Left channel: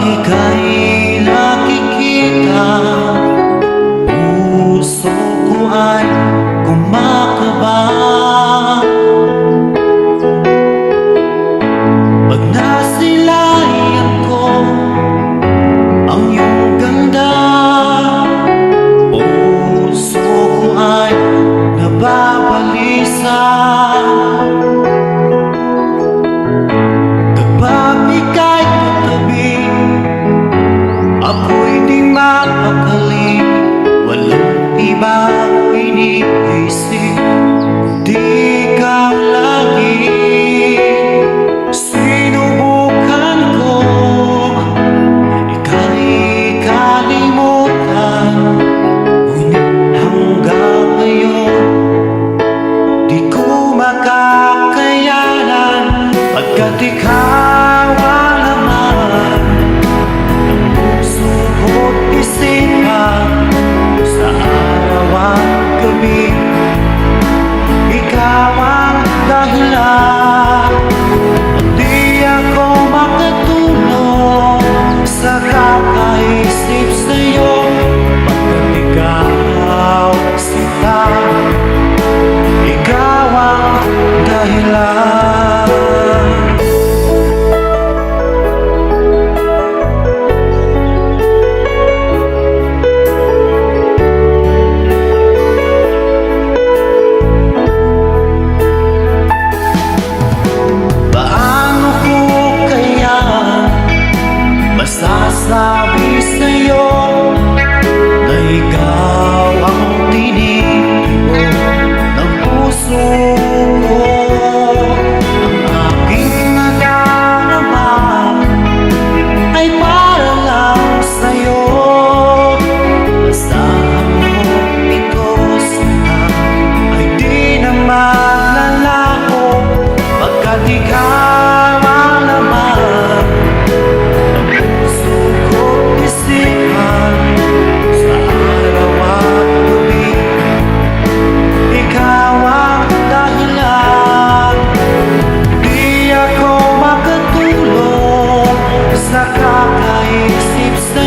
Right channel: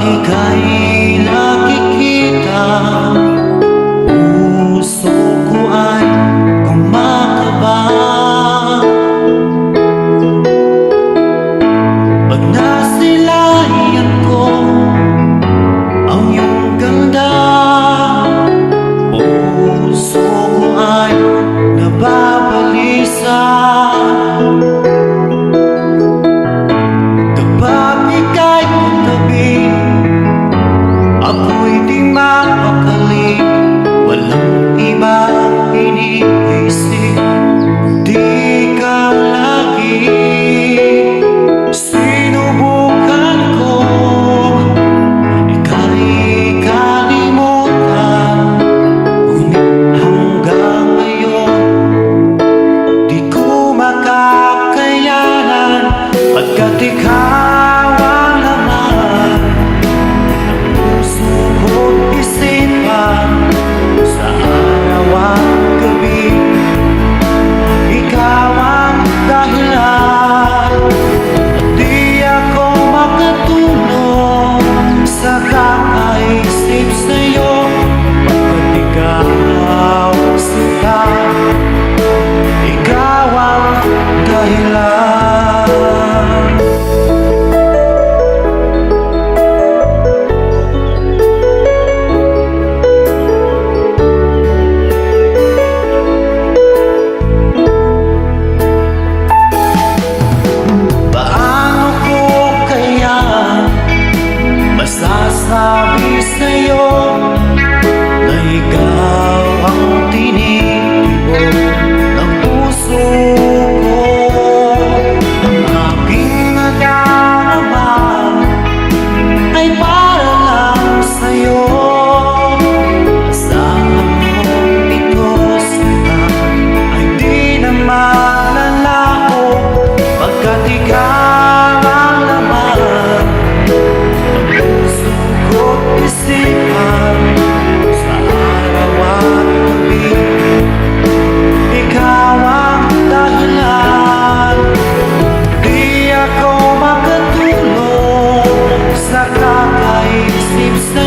ika'y nakikita. Puso ko ay kumakaba. Pag nasilayan ko ang iyong ganda Puso ko ay nababalisa. Kapag ika'y katabi Ako'y di mapakali. Walang ibang iniisip. Kundi ikaw lagi Sinubukan ko. Ika'y kalimutan. Ngunit hanggang ngayon Di ko makakayanan. Pagkat ikaw gabi. Ikaw ang dahilan. At di ako makatulog Sa kakaisip sa'yo. Pagkat ikaw sila ikaw ang dahilan masasabi sa'yo na ikaw ang tinitibo ng puso ko. Ang aking nadarama ay para lang sa'yo. Asahan mo ito sana ay di na maglalaho Pagkat ikaw kakaisip sa'yo